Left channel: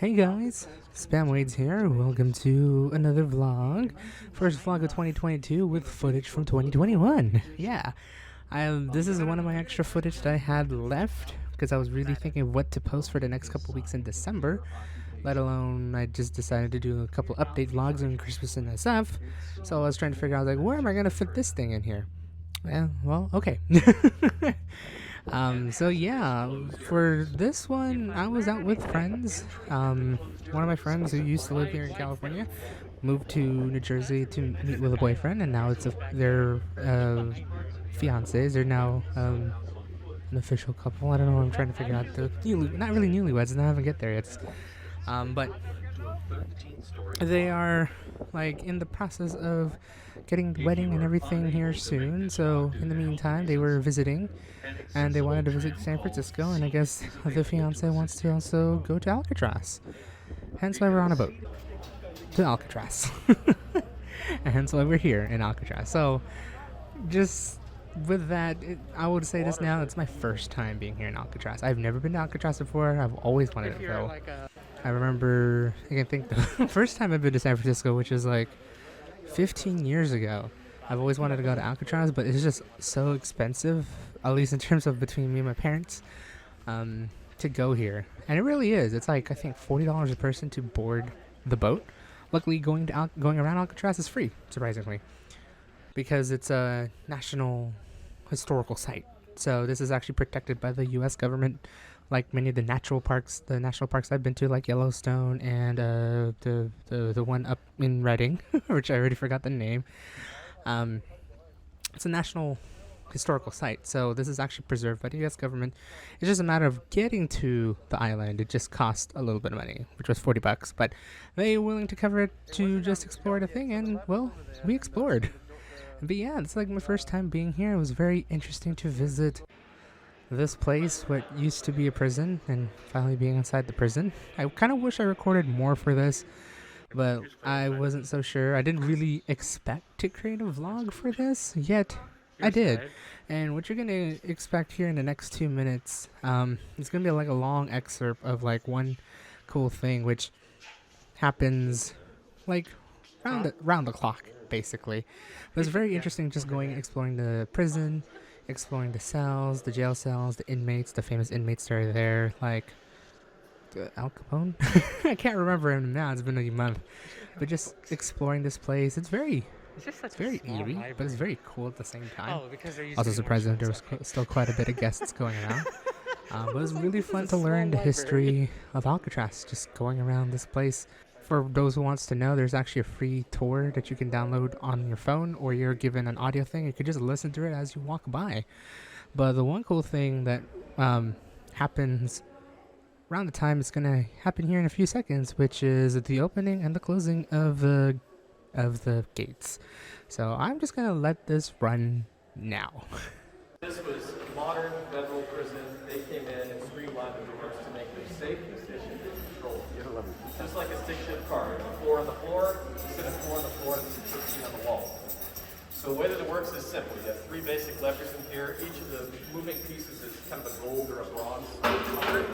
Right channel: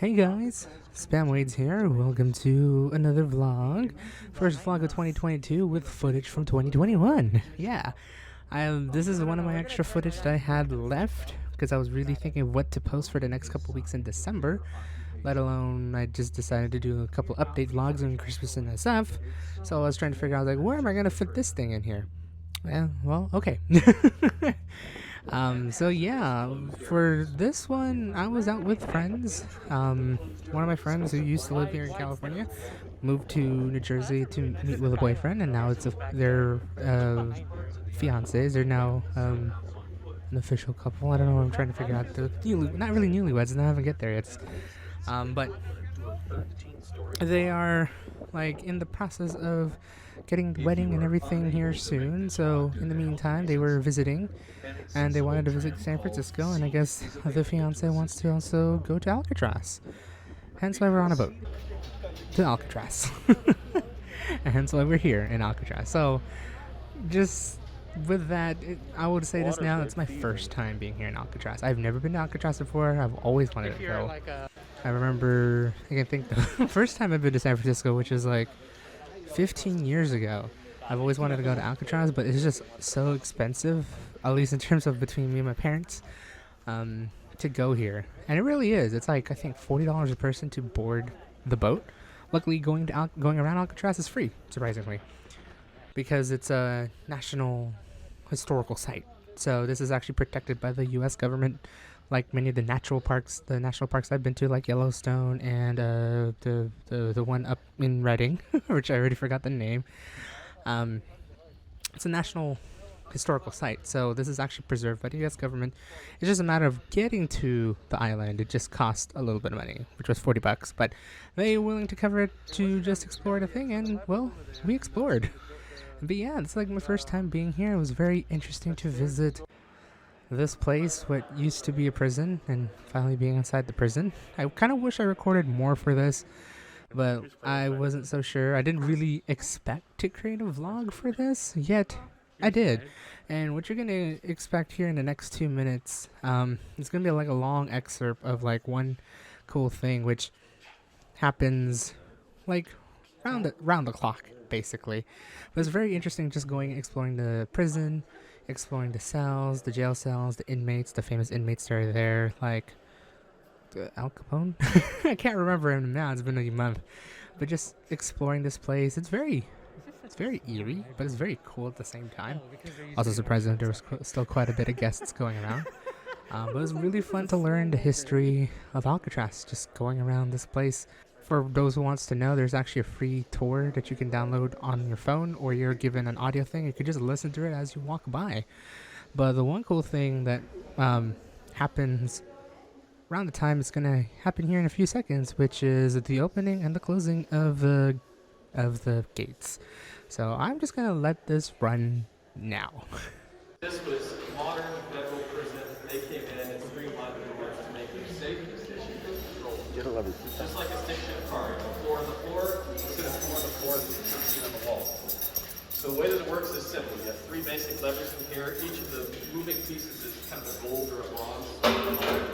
Hey guys, Spamwades here. Welcome to another vlog. First vlog of 2022 with footage from 2021. Yeah, this is one of my extra footage that I had left because I was really thinking of what to post for the next couple weeks in December. Let alone, I just decided to do a couple update vlogs on Christmas and stuff. So I was trying to figure out, like, where am I gonna fit this thing in here? Yeah, well, okay. So yeah, for this one, I was out with friends. One of my friends who used to live here in California moved to New Jersey to meet with a boyfriend, and now their fiancés. They're now an official couple. I don't know. I'm trying to figure out not really newlyweds, and I haven't get there yet. But they are like in the process of getting the wedding and everything here soon. So in the meantime, they were visiting, and they wanted to visit San Francisco. And I guess the fiance wants to also go to Alcatraz. Hence why we're on a boat to Alcatraz. And hence why we're here in Alcatraz. So just with that, I would say this now. It's my first time being here in Alcatraz. I've never been to Alcatraz before. I've always wanted to go. I remember, I can think the first time I've been to San Francisco, which is like 15 years ago. I've always wanted to go to Alcatraz, but it's just so expensive, at least in terms of between me and my parents, to go here. And it really is. It's like, I think $40 a person to board the boat. Luckily, going around Alcatraz is free, surprisingly, because it's a national historical site. So this is actually protected by the U.S. government, like many of the national parks I've been to, like Yellowstone and the one up in Redding, which I already forgot the name. It's a national historical site, so this is actually preserved by the U.S. government. It's just a matter of getting to the island. It just cost a little bit of money, which was $40, but they were willing to cover it to just explore the thing, and well, we explored. But yeah, it's like my first time being here. It was very interesting to visit this place, what used to be a prison, and finally being inside the prison. I kind of wish I recorded more for this, but I wasn't so sure. I didn't really expect to create a vlog for this, yet I did. And what you're going to expect here in the next 2 minutes, it's going to be like a long excerpt of like one cool thing, which happens like round the clock, basically. But it's very interesting just exploring the prison, exploring the cells, the jail cells, the inmates, the famous inmates that are there, like Al Capone. I can't remember him now. It's been a month, but just exploring this place. It's very eerie, but it's very cool at the same time. Also surprised that there was still quite a bit of guests going around. But it was really fun to learn the history of Alcatraz, just going around this place. For those who wants to know, there's actually a free tour that you can download on your phone, or you're given an audio thing. You could just listen to it as you walk by. But the one cool thing that happens around the time it's going to happen here in a few seconds, which is the opening and the closing of the gates. So I'm just going to let this run now. This was modern federal prison. They came in and streamlined the doors to make them safe, efficient, and controlled. Just like a stick-shift car. You have floor on the floor, instead of floor on the floor, it's fixed in the wall. So the way that it works is simple. You have three basic levers in here. Each of the moving pieces is kind of a gold or a bronze color.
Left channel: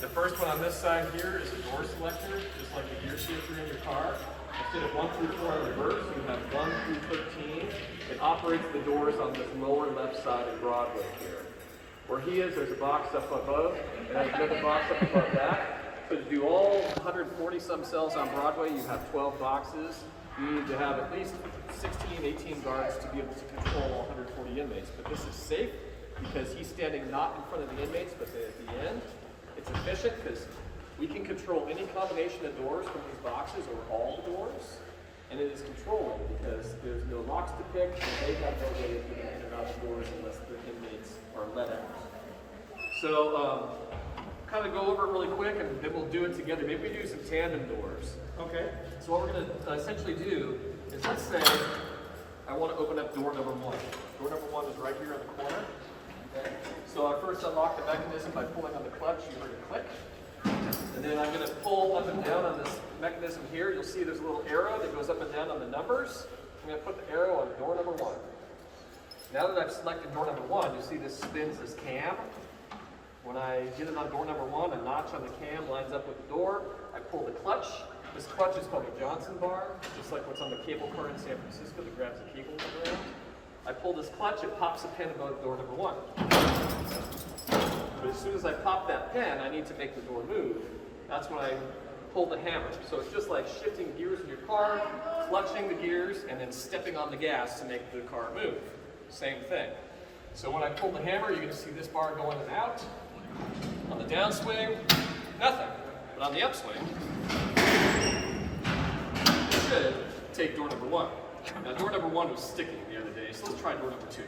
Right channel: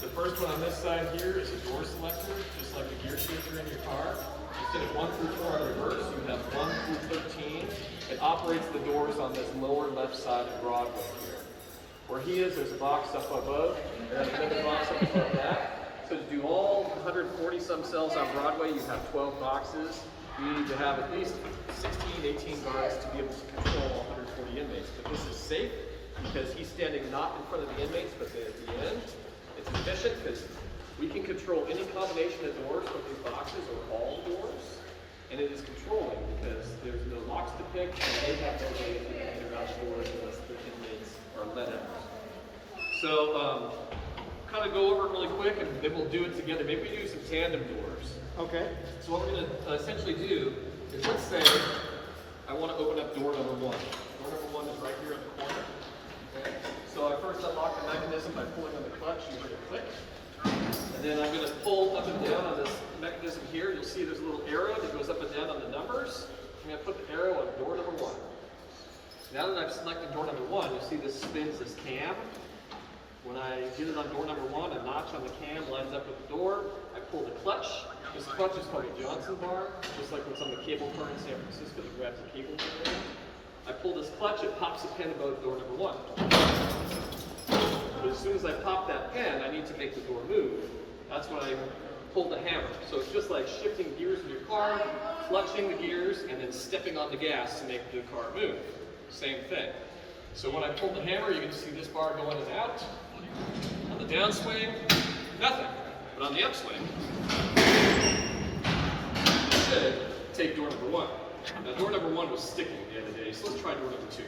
The first one on this side here is a door selector, just like a gear shifter in your car. Instead of 1 through 4 on reverse, you have 1 through 13. It operates the doors on this lower left side of Broadway here. Where he is, there's a box up above, and there's another box up above that. So to do all 140 some cells on Broadway, you have 12 boxes. You need to have at least 16, 18 guards to be able to control all 140 inmates. But this is safe because he's standing not in front of the inmates, but at the end. It's efficient because we can control any combination of doors from these boxes or all the doors. And it is controlling because there's no locks to pick, and they have no way of getting in and out the doors unless the inmates are let out. So, kind of go over it really quick, and then we'll do it together. Maybe do some tandem doors. Okay. So what we're going to essentially do is, let's say I want to open up door number 1. Door number 1 is right here on the corner. Okay. So I first unlock the mechanism by pulling on the clutch. You heard it click. And then I'm going to pull up and down on this mechanism here. You'll see there's a little arrow that goes up and down on the numbers. I'm going to put the arrow on door number 1. Now that I've selected door number 1, you see this spins this cam. When I did it on door number 1, a notch on the cam lines up with the door. I pull the clutch. This clutch is called a Johnson bar, just like what's on the cable car in San Francisco that grabs the cable in there. I pull this clutch, it pops a pin above door number 1. But as soon as I pop that pin, I need to make the door move. That's when I pull the hammer. So it's just like shifting gears in your car, clutching the gears, and then stepping on the gas to make the car move. Same thing. So when I pull the hammer, you can see this bar going in and out. On the downswing, nothing. But on the upswing, take door number 1. Now door number 1 was sticking the other day, so let's try door number 2.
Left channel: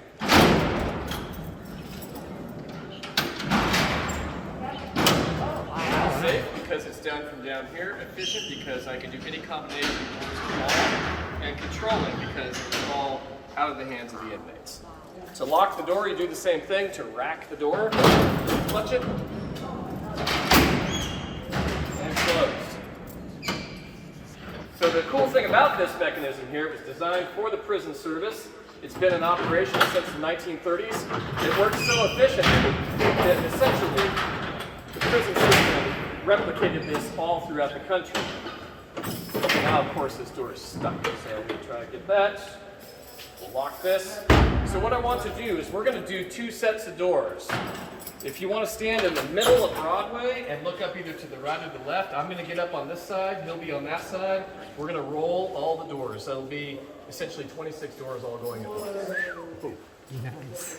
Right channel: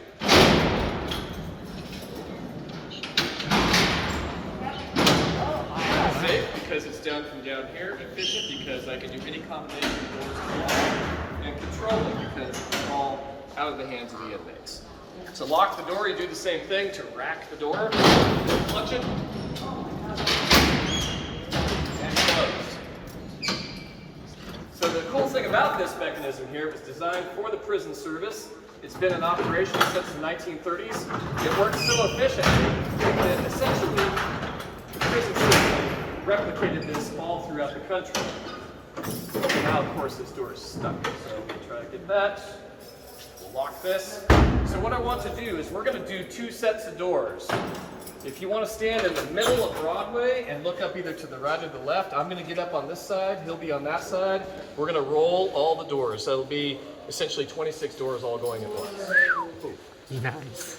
Safe because it's down from down here, efficient because I can do any combination of doors and all, and controlling because it's all out of the hands of the inmates. To lock the door, you do the same thing. To rack the door, clutch it, and close. So the cool thing about this mechanism here is designed for the prison service. It's been in operation since the 1930s. It works so efficient that essentially the prison system replicated this all throughout the country. Now, of course, this door is stuck, so we'll try to get that. We'll lock this. So what I want to do is we're going to do 2 sets of doors. If you want to stand in the middle of Broadway and look up either to the right or the left, I'm going to get up on this side, he'll be on that side. We're going to roll all the doors. So it'll be essentially 26 doors all going at once. Nice.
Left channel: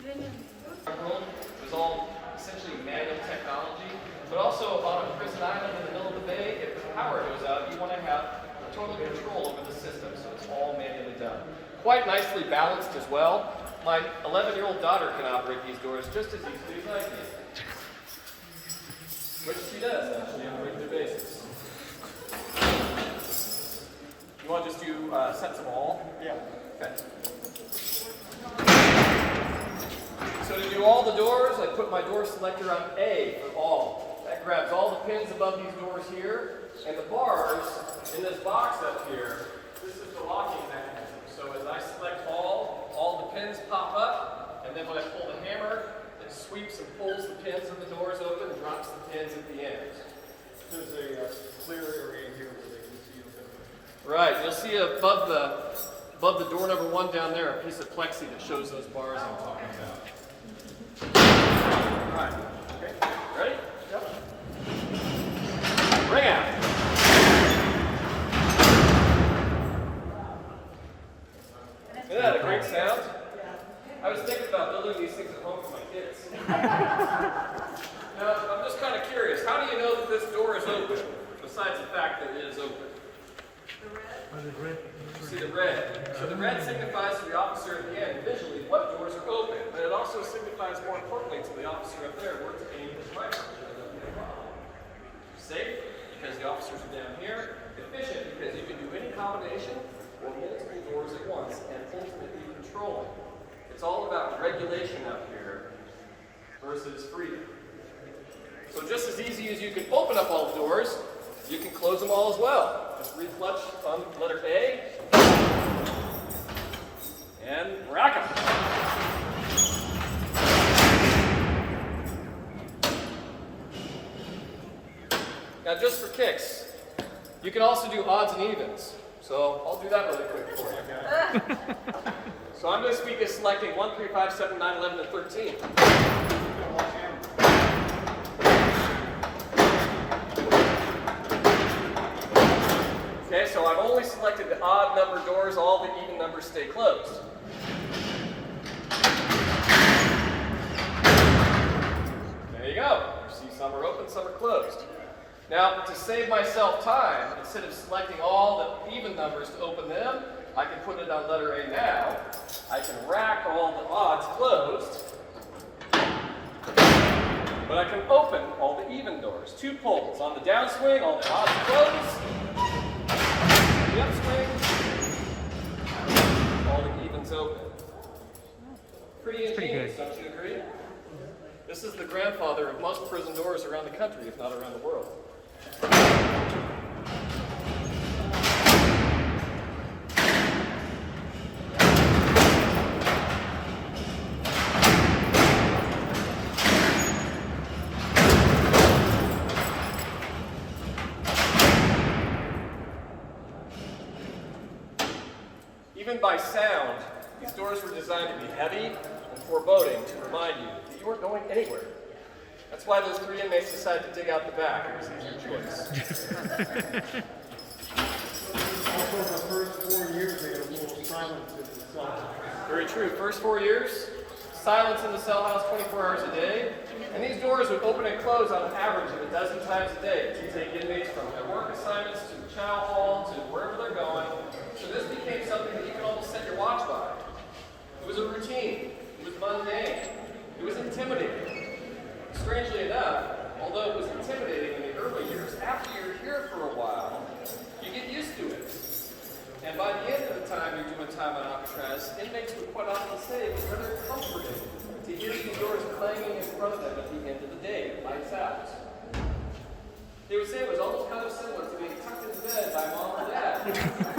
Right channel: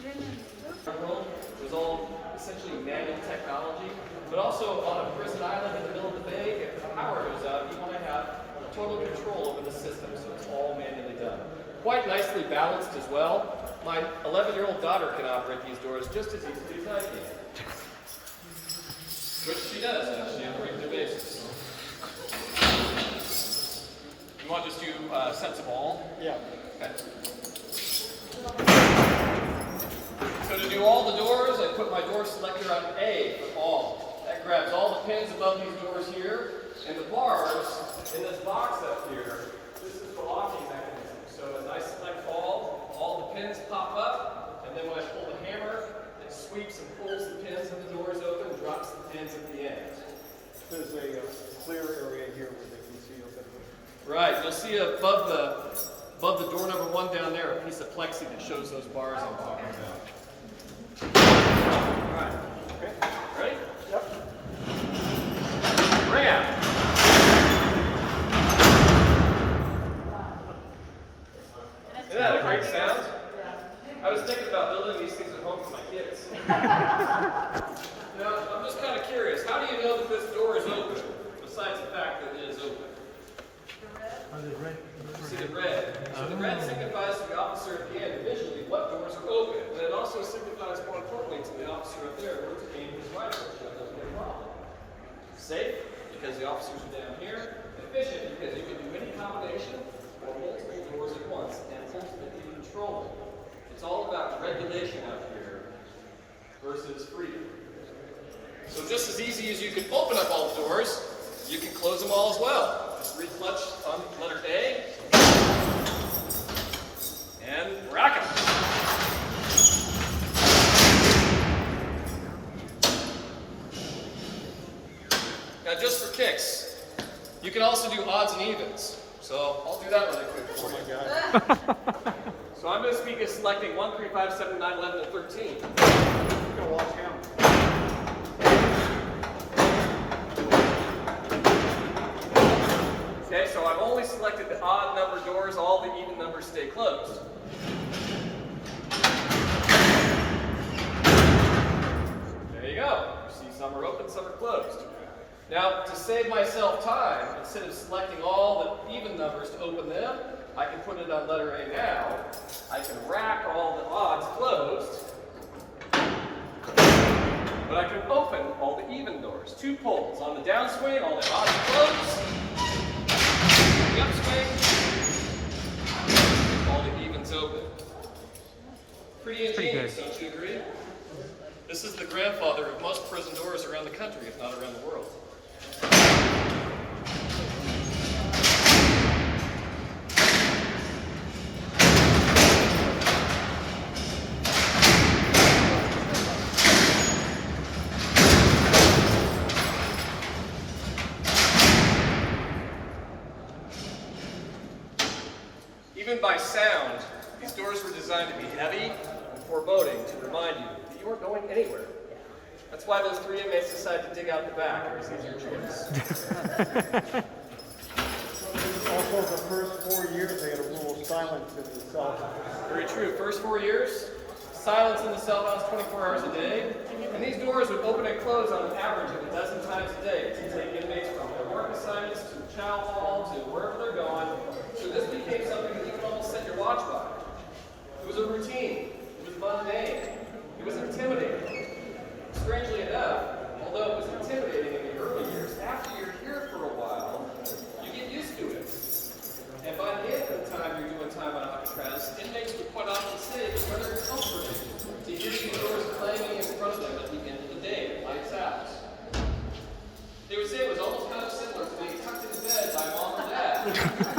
It was all essentially manual technology, but also on a prison island in the middle of the bay, if the power goes out, you want to have total control over the system, so it's all manually done. Quite nicely balanced as well. My 11-year-old daughter can operate these doors just as easily as I can. Which she does, actually, on a regular basis. You want to just do sets of all? Yeah. Okay. So to do all the doors, I put my door selector on A for all. That grabs all the pins above these doors here, and the bars in this box up here, this is the locking mechanism. So as I select all the pins pop up, and then when I pull the hammer, it sweeps and pulls the pins and the doors open, drops the pins at the end. There's a clear area here where they can see up there. Right, you'll see above the door number 1 down there, a piece of plexi that shows those bars I'm talking about. Right. Okay. Ready? Yep. Bring it out. Isn't that a great sound? I was thinking about building these things at home for my kids. Now, I'm just kind of curious. How do you know that this door is open, besides the fact that it is open? The red. You see the red. So the red signifies to the officer at the end visually what doors are open, but it also signifies more importantly to the officer up there where to aim his rifle. Safe, because the officers are down here. Efficient, because you can do any combination or multiple doors at once, and ultimately controlling. It's all about regulation out here versus freedom. So just as easy as you can open up all the doors, you can close them all as well. Just re-clutch on letter A, and rack it. Now just for kicks, you can also do odds and evens. So I'll do that really quick for you. So I'm going to be selecting 1, 3, 5, 7, 9, 11, and 13. Go watch him. Okay, so I've only selected the odd number doors, all the even numbers stay closed. There you go. You see some are open, some are closed. Now, to save myself time, instead of selecting all the even numbers to open them, I can put it on letter A now. I can rack all the odds closed, but I can open all the even doors. 2 pulls. On the downswing, all the odds closed. The upswing, all the evens open. Pretty ingenious, don't you agree? This is the grandfather of most prison doors around the country, if not around the world. anywhere. That's why those 3 inmates decided to dig out the back. It was their choice. Also, the first 4 years, they had a rule of silence in the cell house. Very true. First 4 years, silence in the cell house 24 hours a day. And these doors would open and close on an average of 12 times a day to take inmates from their work assignments to chow hall to wherever they're going. So this became something that you could almost set your watch by. It was a routine. It was mundane. It was intimidating. Strangely enough, although it was intimidating in the early years, after you're here for a while, you get used to it. And by the end of the time you're doing time on Alcatraz, inmates would quite often say it was rather comforting to hear these doors clanging in front of them at the end of the day, lights out. They would say it was almost kind of similar to being tucked in bed by mom and dad.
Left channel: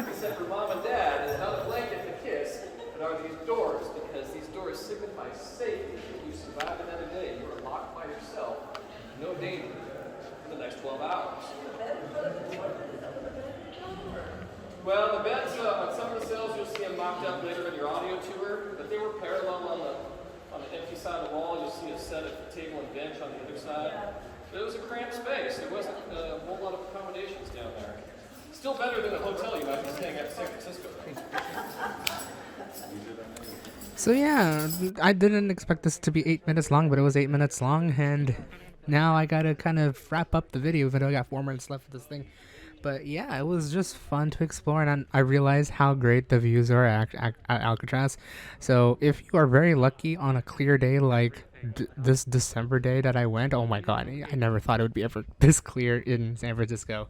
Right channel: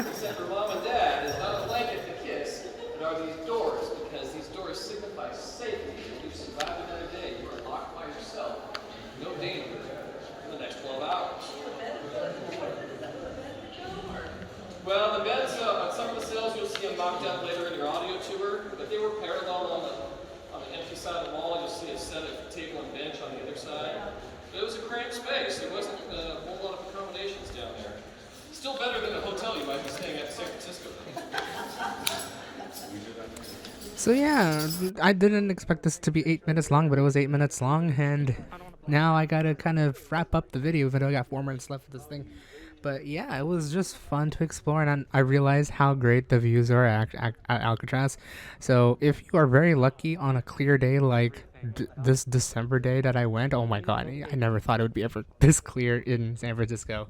Except for mom and dad is not a blanket to kiss, but are these doors, because these doors signify safety. If you survive another day, you are locked by yourself. No danger for the next 12 hours. Well, the beds on some of the cells, you'll see them mocked up later in your audio tour, but they were parallel on the empty side of the wall. You'll see a set of table and bench on the other side. But it was a cramped space. There wasn't a whole lot of accommodations down there. Still better than a hotel you might be staying at in San Francisco, though. So yeah, I didn't expect this to be 8 minutes long, but it was 8 minutes long, and now I gotta kind of wrap up the video, even though I got 4 minutes left of this thing. But yeah, it was just fun to explore, and I realized how great the views are at Alcatraz. So if you are very lucky on a clear day like this December day that I went, oh my god, I never thought it would be ever this clear in San Francisco.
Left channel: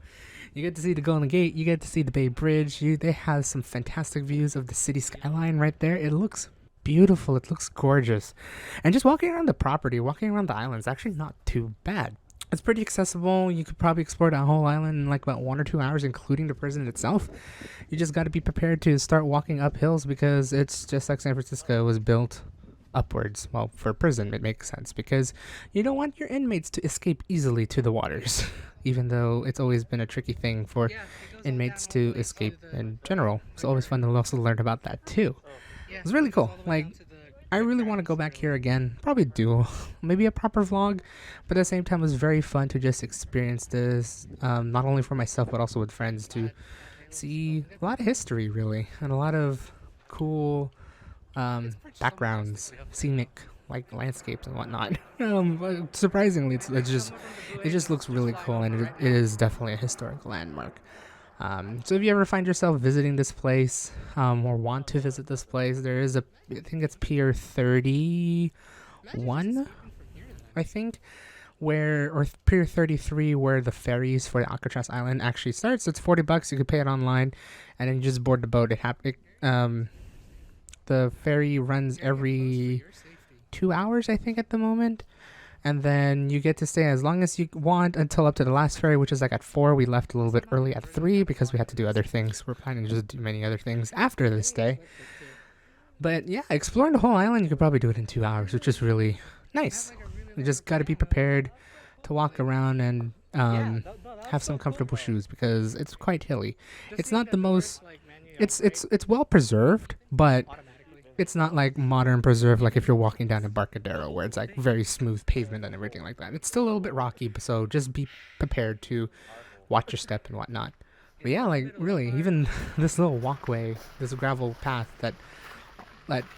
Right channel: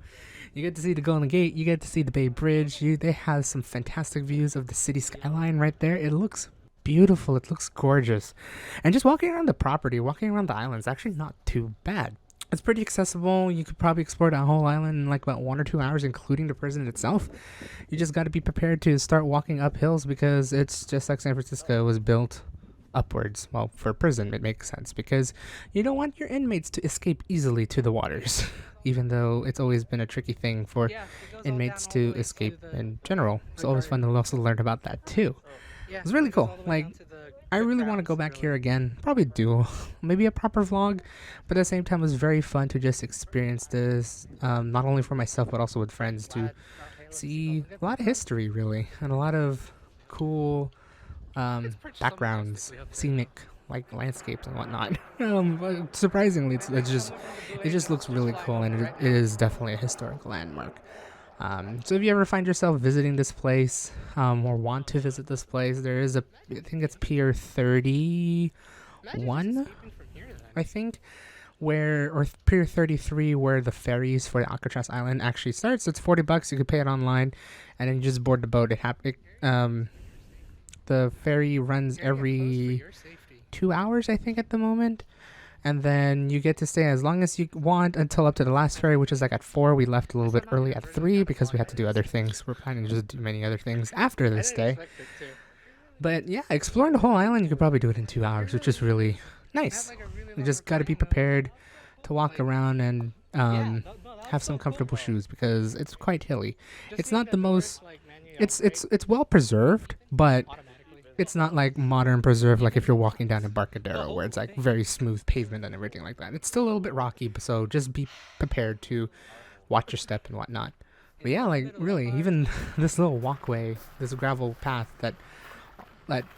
You get to see the Golden Gate, you get to see the Bay Bridge, they have some fantastic views of the city skyline right there. It looks beautiful, it looks gorgeous. And just walking around the property, walking around the island is actually not too bad. It's pretty accessible. You could probably explore that whole island in like about 1 or 2 hours, including the prison itself. You just got to be prepared to start walking up hills because it's just like San Francisco was built upwards. Well, for a prison, it makes sense because you don't want your inmates to escape easily to the waters, even though it's always been a tricky thing for inmates to escape in general. It's always fun to also learn about that too. It's really cool. Like, I really want to go back here again. Probably do maybe a proper vlog, but at the same time, it was very fun to just experience this, not only for myself but also with friends, to see a lot of history really and a lot of cool backgrounds, scenic like landscapes and whatnot. Surprisingly, it just looks really cool, and it is definitely a historical landmark. So if you ever find yourself visiting this place, or want to visit this place, there is I think it's Pier 31, I think, or Pier 33, where the ferries for the Alcatraz Island actually starts. It's $40. You can pay it online, and then you just board the boat. The ferry runs every 2 hours, I think, at the moment. And then you get to stay as long as you want until up to the last ferry, which is like at 4. We left a little bit early at 3 because we had to do other things. We're planning to just do many other things after this day. But yeah, exploring the whole island, you could probably do it in 2 hours, which is really nice. You just got to be prepared to walk around and have some comfortable shoes because it's quite hilly. It's not the most... It's well preserved, but... It's not like modern preserve, like if you're walking down Embarcadero, where it's like very smooth pavement and everything like that. It's still a little bit rocky, so just be prepared to watch your step and whatnot. But yeah, like really, even this little walkway, this gravel path that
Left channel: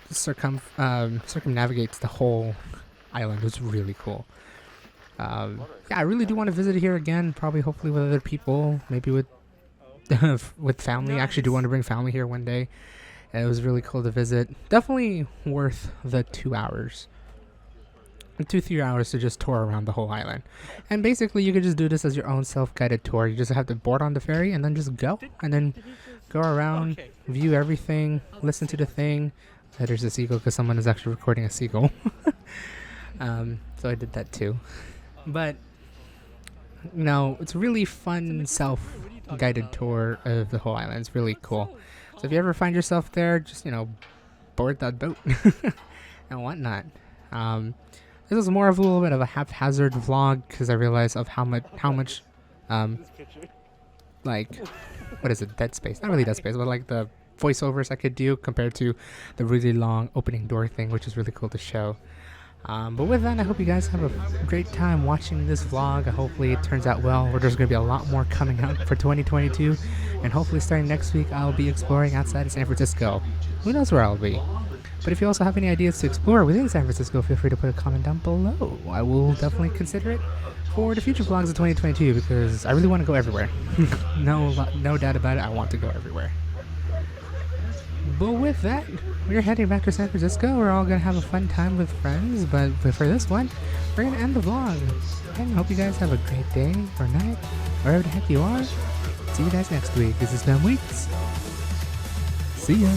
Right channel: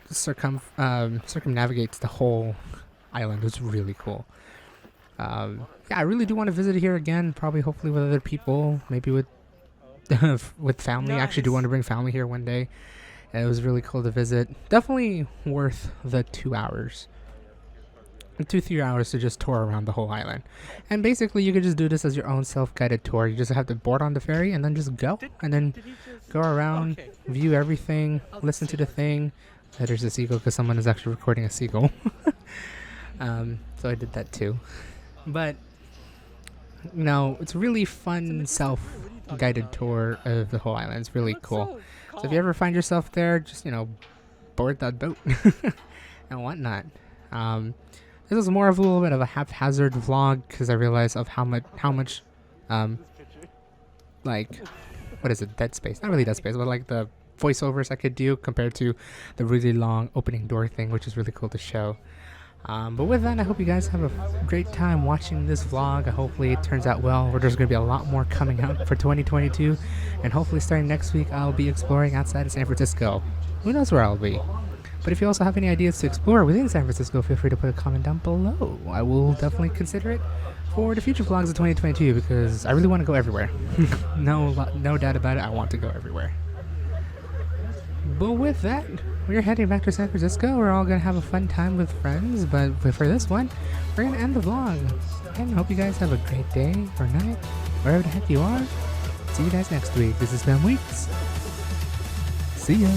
circumnavigates the whole island is really cool. Yeah, I really do want to visit it here again. Probably, hopefully, with other people, maybe with with family. I actually do want to bring family here one day. It was really cool to visit. Definitely worth the 2 hours. 2-3 hours to just tour around the whole island. And basically, you could just do this as your own self-guided tour. You just have to board on the ferry and then just go. And then go around, view everything, listen to the thing. There's a seagull because someone is actually recording a seagull. So I did that too. But, you know, it's a really fun self-guided tour of the whole island. It's really cool. So if you ever find yourself there, just, board that boat and whatnot. This was more of a little bit of a haphazard vlog because I realized of how much, like, what is it, dead space? Not really dead space, but like the voiceovers I could do compared to the really long opening door thing, which is really cool to show. But with that, I hope you guys have a great time watching this vlog. Hopefully it turns out well, or there's going to be a lot more coming out for 2022. And hopefully starting next week, I'll be exploring outside of San Francisco. Who knows where I'll be? But if you also have any ideas to explore within San Francisco, feel free to put a comment down below. I will definitely consider it for the future vlogs of 2022 because I really want to go everywhere. No doubt about it, I want to go everywhere. But with that, we're heading back to San Francisco. We're all going to have a fun time with friends. But for this one, we're going to end the vlog. And I hope you guys have a great day or night, wherever the heck you are. See you guys next week. This is Ben Weeks. See ya.